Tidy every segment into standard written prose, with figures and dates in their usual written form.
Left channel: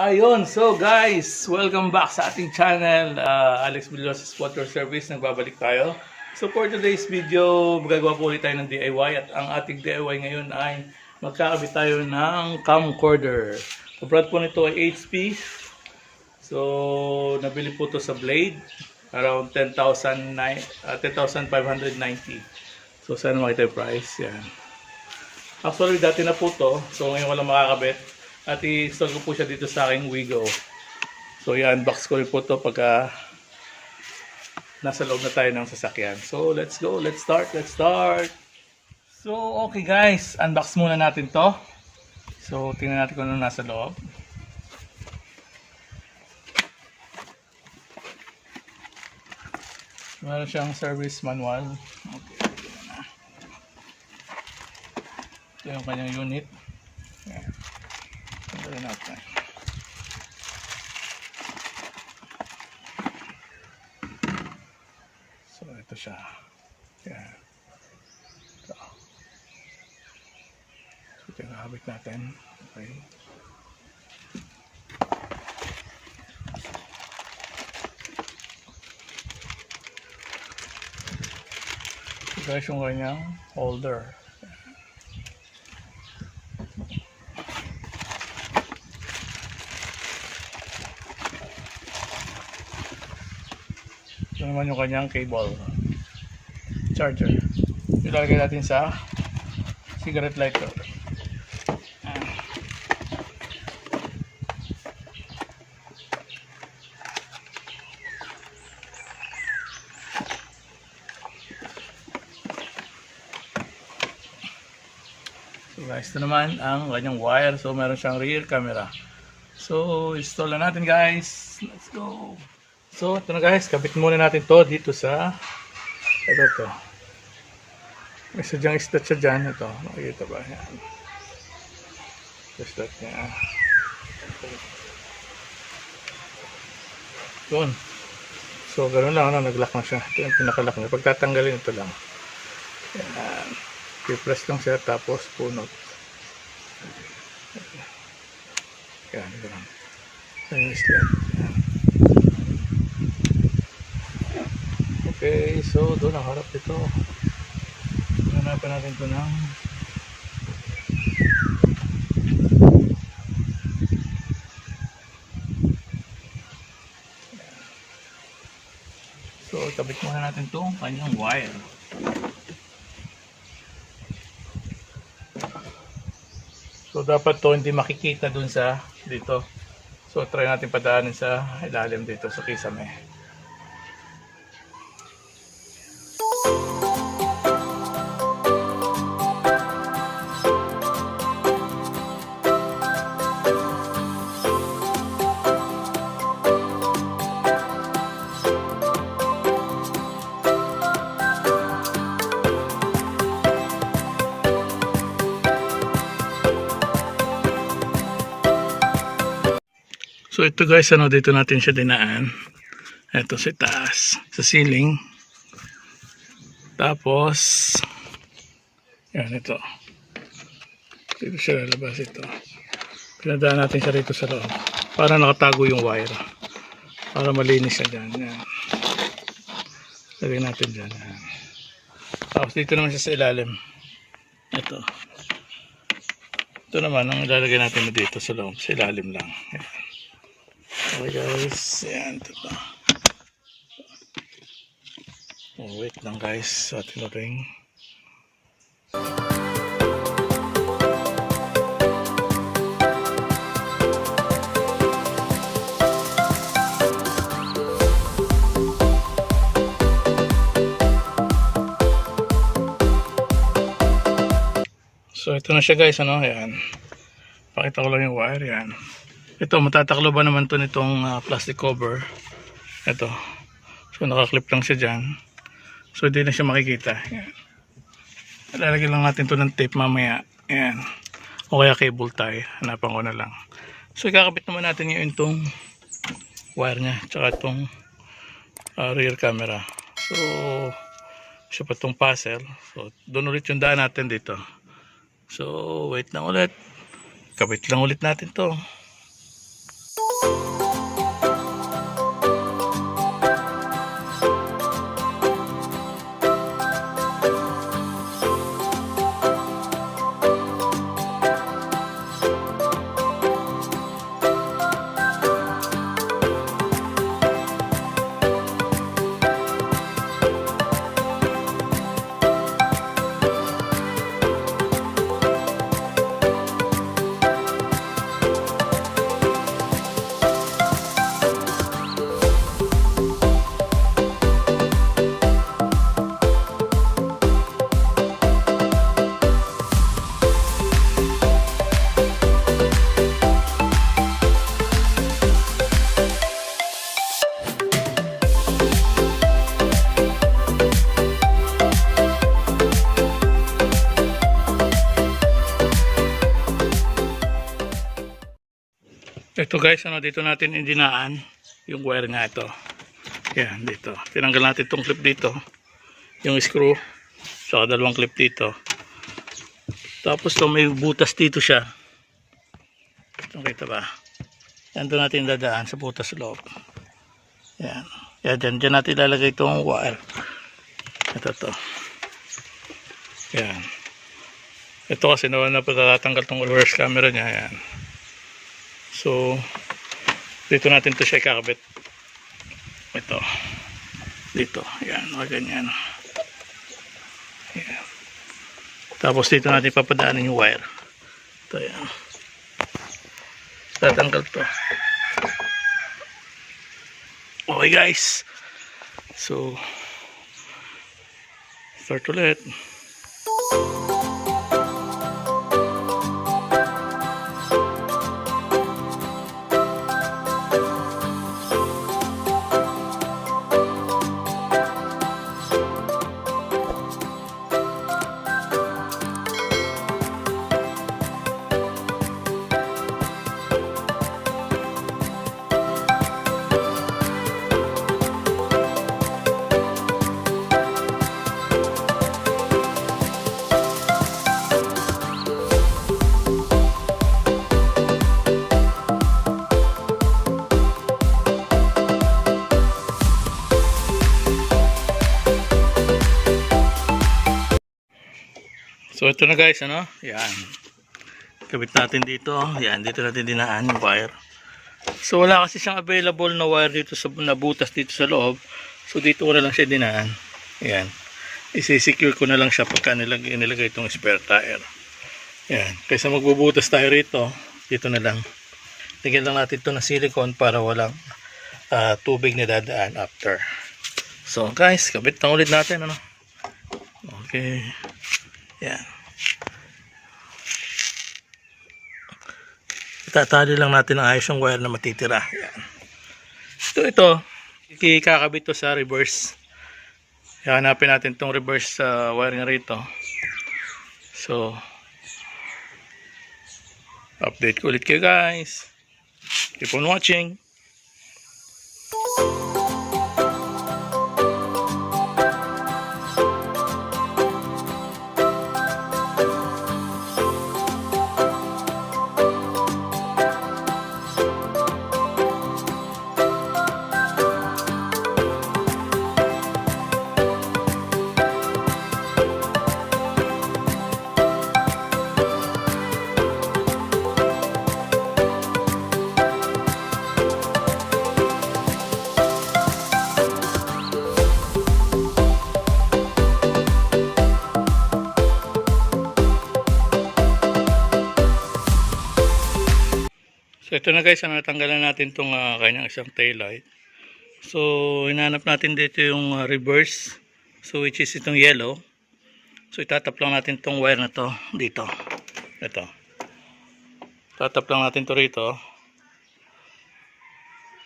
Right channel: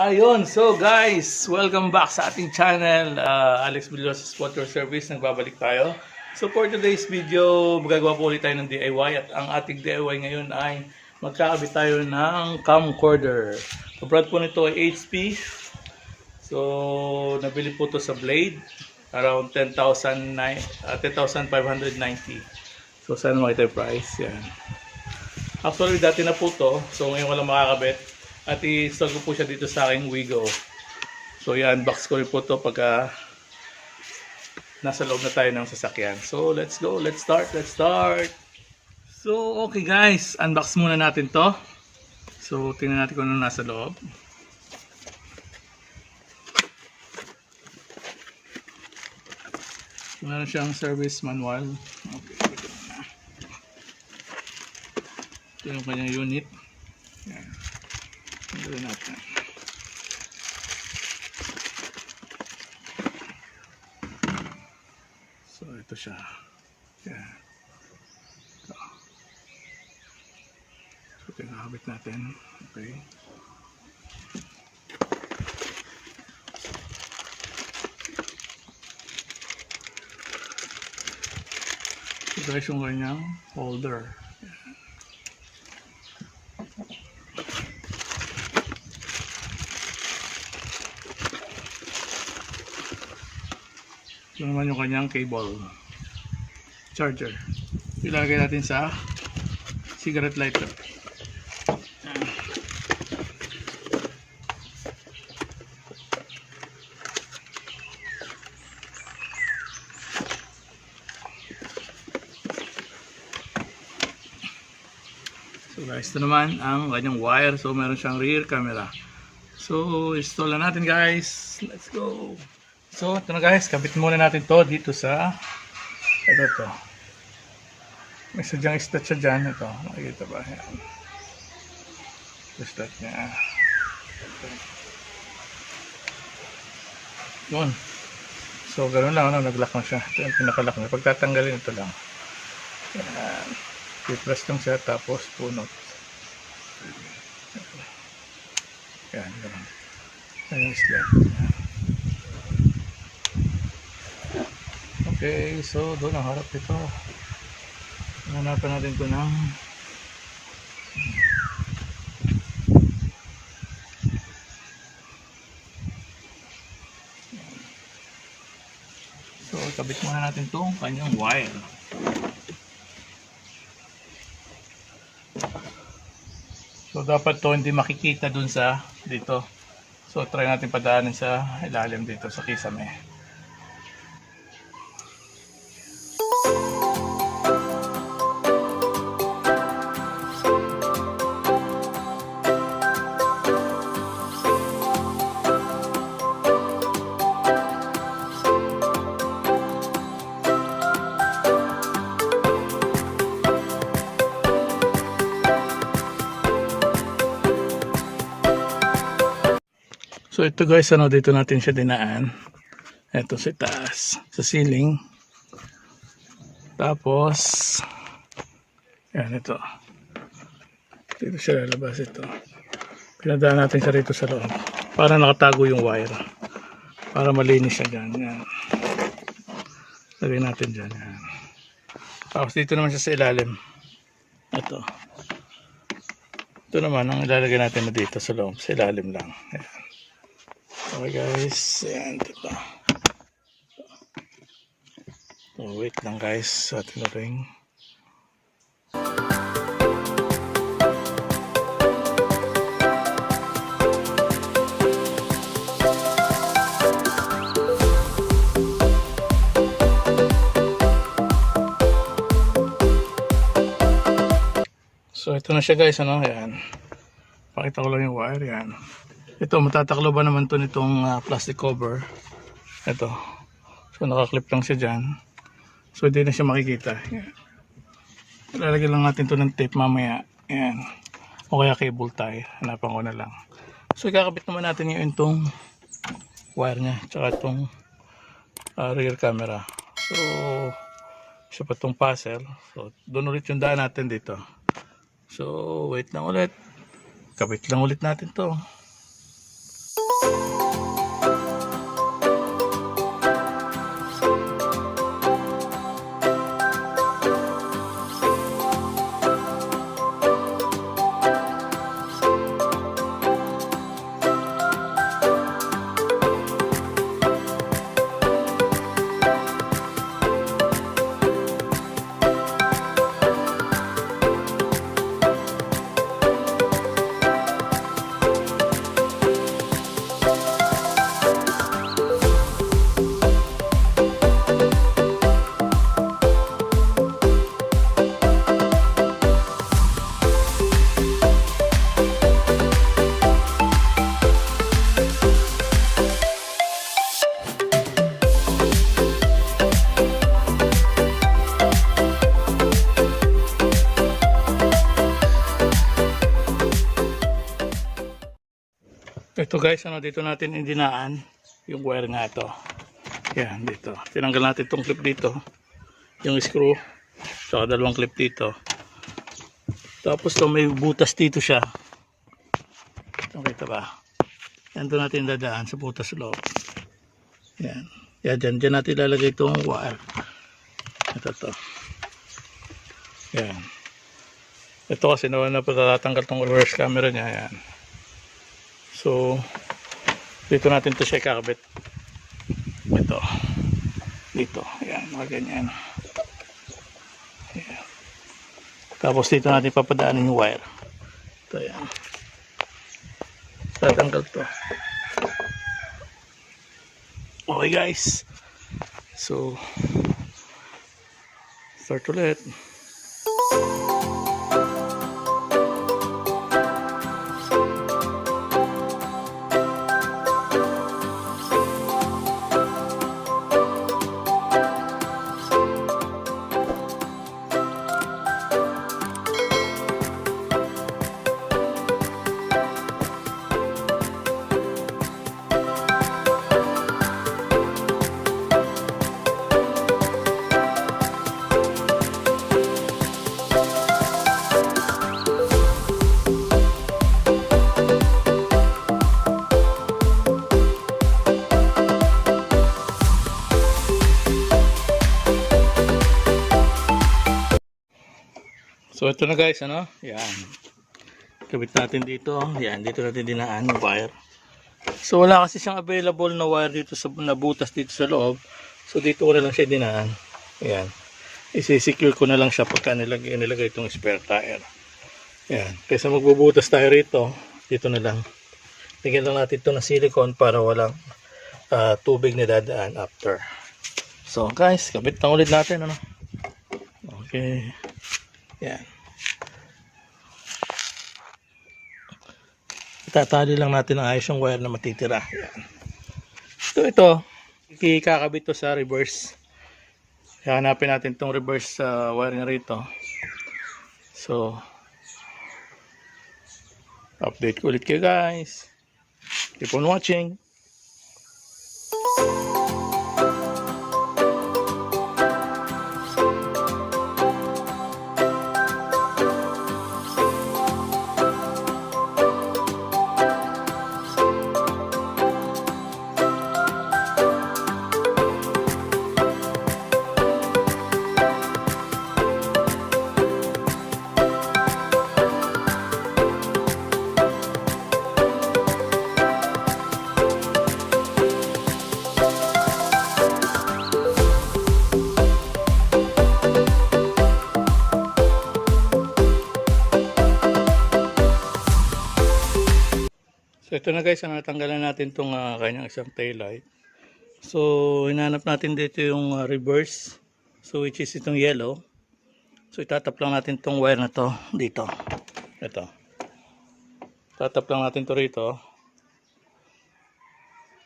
Ayun, so guys, welcome back sa ating channel, Alex Villostas Water Service. Nagbabalik tayo. So for today's video, magagawa po ulit tayo ng DIY at ang ating DIY ngayon ay magkakabit tayo ng camcorder. So brand po nito ay HP. So nabili po to sa Blade, around 10,590. So sana makita yung price, yan. Actually dati na po to, so ngayon walang makakabit. At i-install ko po siya dito sa aking Wigo. So i-unbox ko rin po ito pagka nasa loob na tayo ng sasakyan. So let's go, let's start. So okay guys, unbox muna natin to. So tingnan natin kung ano nasa loob. Meron siyang service manual. Okay, ito na. Ito yung kanyang unit. Yan. Ito natin. So ito siya. Yan. Ito. So ito yung kakabit natin. Okay. So guys, yung kanyang holder. Ito naman yung kanyang cable charger. Ilalagay natin sa cigarette lighter. So guys, ito naman ang kanyang wire. So meron siyang rear camera. So install na natin guys. Let's go. So ito na guys, kabit muna natin to dito sa ito. May sadyang slot siya dyan. Ito, nakikita ba? Yan. Slot niya. Yun. So ganoon lang, nag-lock na siya. Ito yung pinaka-lock niya. Pag tatanggalin ito lang. Yan. I-press lang siya tapos punot. Yan, ganoon. Ito yung slot. Yan. Okay, so doon ang harap ito. Hanapan natin ito ng so kabit muna natin itong kanyang wire. So dapat to hindi makikita dun sa dito. So try natin padaanin sa ilalim dito sa kisame. So ito guys, dito natin siya dinaan. Ito sa taas, sa ceiling. Tapos yan ito. Dito siya lalabas ito. Pinadaan natin siya rito sa loob. Para nakatago yung wire. Para malinis siya dyan. Yan. Lagay natin dyan. Yan. Tapos dito naman siya sa ilalim. Ito. Ito naman ang ilalagay natin dito sa loob. Sa ilalim lang. Yan. Okay guys, yan ito pa. Oh, wait lang guys sa ating ring. So ito na siya guys, yan. Pakita ko lang yung wire, yan. Ito, matatakloban naman to nitong plastic cover. Ito. So, nakaklip lang siya dyan. So, hindi na siya makikita. Yan. Ilalagay lang natin to ng tape mamaya. Yan. O kaya cable tie. Hanapan ko na lang. So, ikakabit naman natin yung itong wire niya. Tsaka itong rear camera. So, siya pa itong puzzle. So, doon ulit yung daan natin dito. So, wait lang ulit. Kabit lang ulit natin to. Ito guys, dito natin indinaan yung wire nga ito. Yan, dito. Tinanggal natin itong clip dito. Yung screw. Saka dalawang clip dito. Tapos to may butas dito siya. Nakita ba? Yan doon natin dadaan sa butas loob. Yan. Yan, dyan natin ilalagay itong wire. Ito to. Yan. Ito kasi naman na pagkatanggal itong reverse camera niya. Yan. So, dito natin to siya ikakabit. Ito. Dito. Yan. Ganyan. Yan. Tapos dito natin papadaanin yung wire. Ito yan. Tatanggal to. Okay guys. So, start ulit. So ito na guys, yan. Kabit natin dito. Yan, dito natin dinaan yung wire. So wala kasi siyang available na wire dito sa nabutas dito sa loob. So dito ko na lang siya dinaan. Yan. Isi-secure ko na lang siya pagka nilagay itong spare tire. Yan. Kaysa magbubutas tayo rito, dito na lang. Tigyan lang natin ito ng silicone para walang tubig na dadaan after. So guys, kabit lang ulit natin. Okay. Yan. Itatali lang natin ang ayos yung wire na matitira. Yan. Ito. Ikakabit to sa reverse. Hanapin natin tong reverse wire nga rito. So, update ko ulit kayo guys. Keep on watching. So ito na guys, natanggalan natin itong kanyang isang tail light. So hinanap natin dito yung reverse. So which is itong yellow. So itatap lang natin itong wire na to dito. Ito. Tatap lang natin to rito.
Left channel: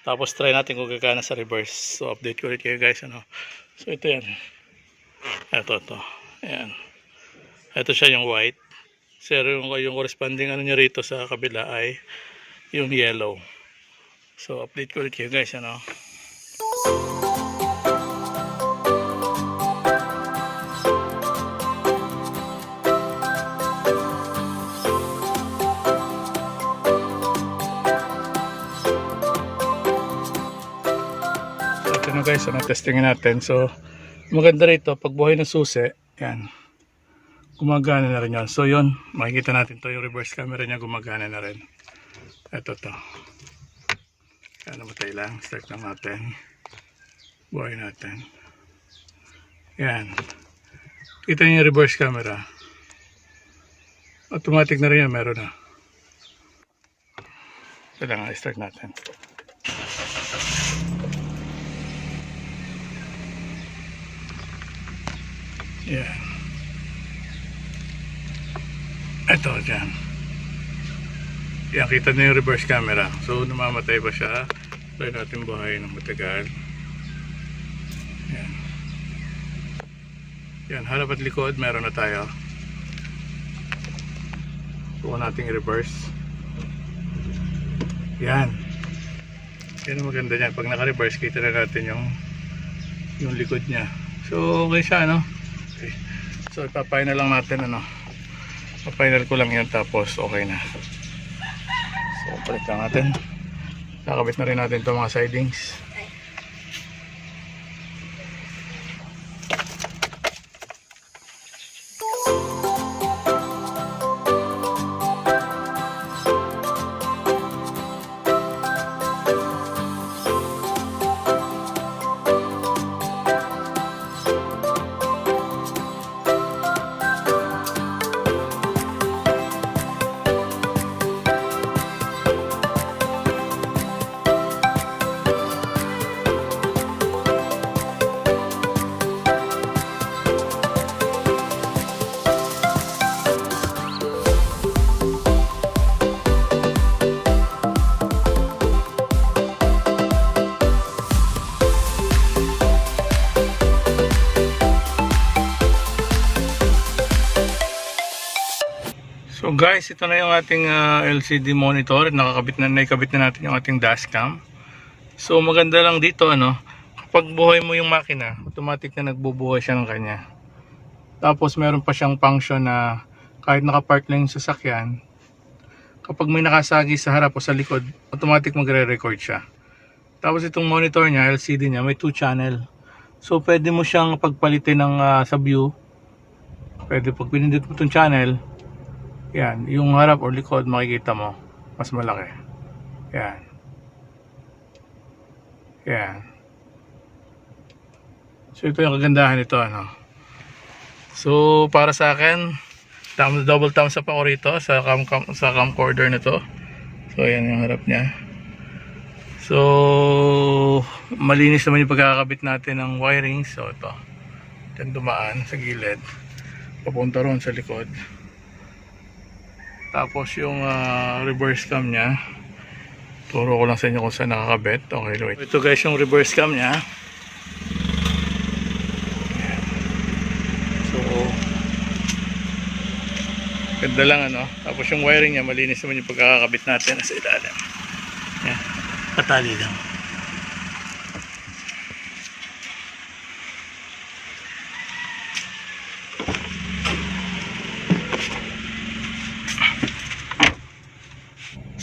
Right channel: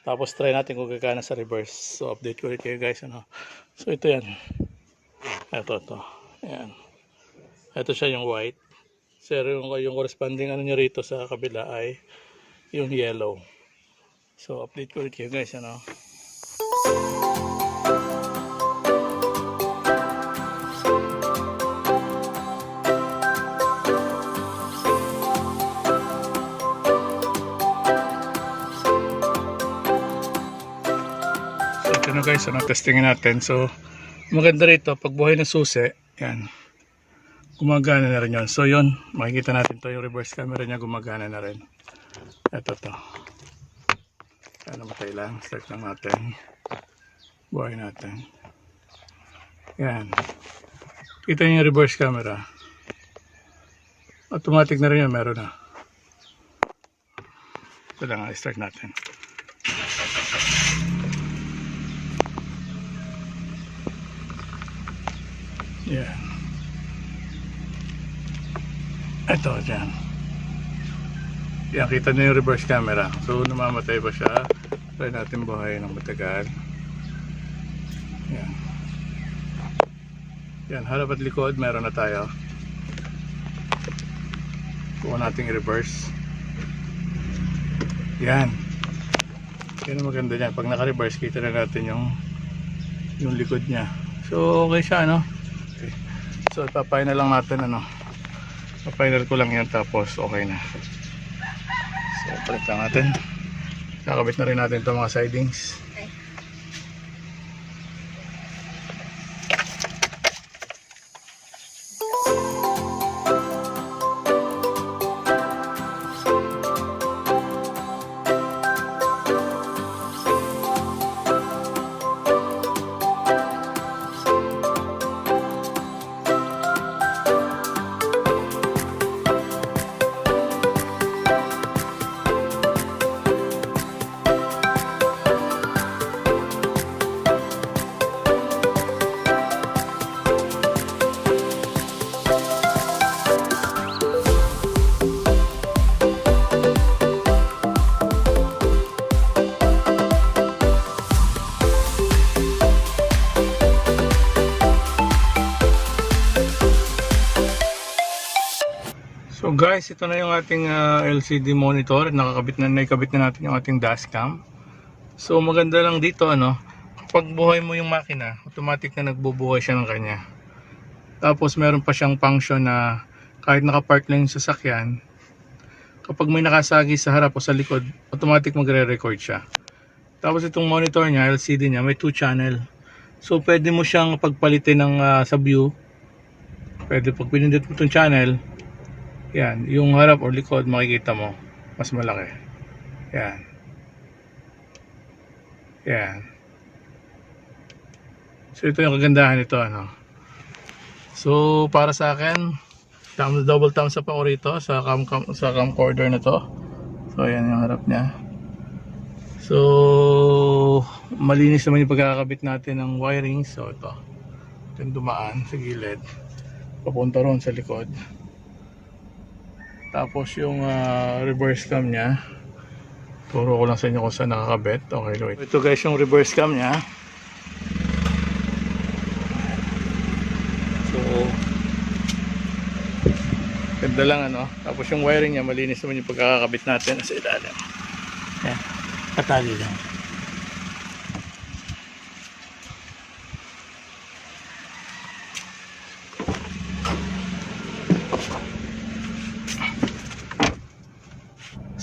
Tapos try natin kung gagana sa reverse. So update ko ulit kayo guys. So ito yan. Ito. Ayan. Ito siya yung white. So yung corresponding niya rito sa kabila ay yung yellow. So update ko ulit kayo guys. So ito na guys, testingin natin. So maganda rito pag buhay ng susi, yan, gumagana na rin yun. So yun, makikita natin to, yung reverse camera niya gumagana na rin. Ito to. Kaya namatay lang. Start lang natin. Buhay natin. Yan. Kita niyo yung reverse camera. Automatic na rin yun. Meron na. Ito lang. Start natin. Yan. Ito dyan. Yan, kita na yung reverse camera. So namamatay pa siya. Try natin buhay ng matagal. Yan. Yan, harap at likod meron na tayo. Kuha natin i-reverse. Yan. Yan ang maganda niyan. Pag naka-reverse, kita na natin yung likod niya. So, okay siya, no? Okay. So, ipapay na lang natin, ano? Papinal ko lang yan, tapos okay na. So, palit lang natin. Kakabit na rin natin itong mga sidings. So guys, ito na yung ating LCD monitor. Naikabit na natin yung ating dashcam. So maganda lang dito, ano, kapag buhay mo yung makina, automatic na nagbubuhay siya ng kanya. Tapos meron pa siyang function na kahit nakapark lang yung sasakyan, kapag may nakasagi sa harap o sa likod, automatic magre-record siya. Tapos itong monitor niya, LCD niya, may 2 channel. So pwede mo siyang pagpalitin ng sa view. Pwede pag pinindot mo itong channel, yan, yung harap o likod makikita mo mas malaki. Yan. Yan. So ito yung kagandahan nito, ano. So para sa akin, double thumbs up ako rito sa camcorder nito. So yan yung harap niya. So malinis naman yung pagkakabit natin ng wiring. So ito. Diyan dumaan sa gilid. Papunta ron sa likod. Tapos yung reverse cam nya, turo ko lang sa inyo kung saan nakakabit. Okay, wait. Ito guys yung reverse cam nya. So ganda lang, ano. Tapos yung wiring nya, malinis naman yung pagkakabit natin sa ilalim. Yan, patali lang.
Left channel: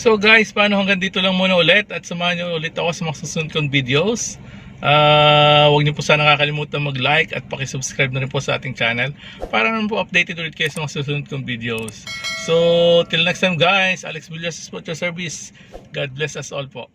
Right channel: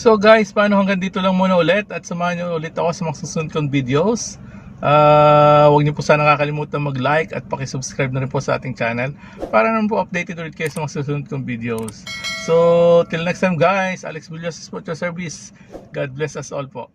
So guys, paano hanggang dito lang muna ulit, at samahan nyo ulit ako sa mga susunod kong videos. Huwag niyo po sana kakalimutan mag-like at pakisubscribe na rin po sa ating channel para naman po updated ulit kayo sa mga susunod kong videos. So till next time guys, Alex Villostas Water Service. God bless us all po.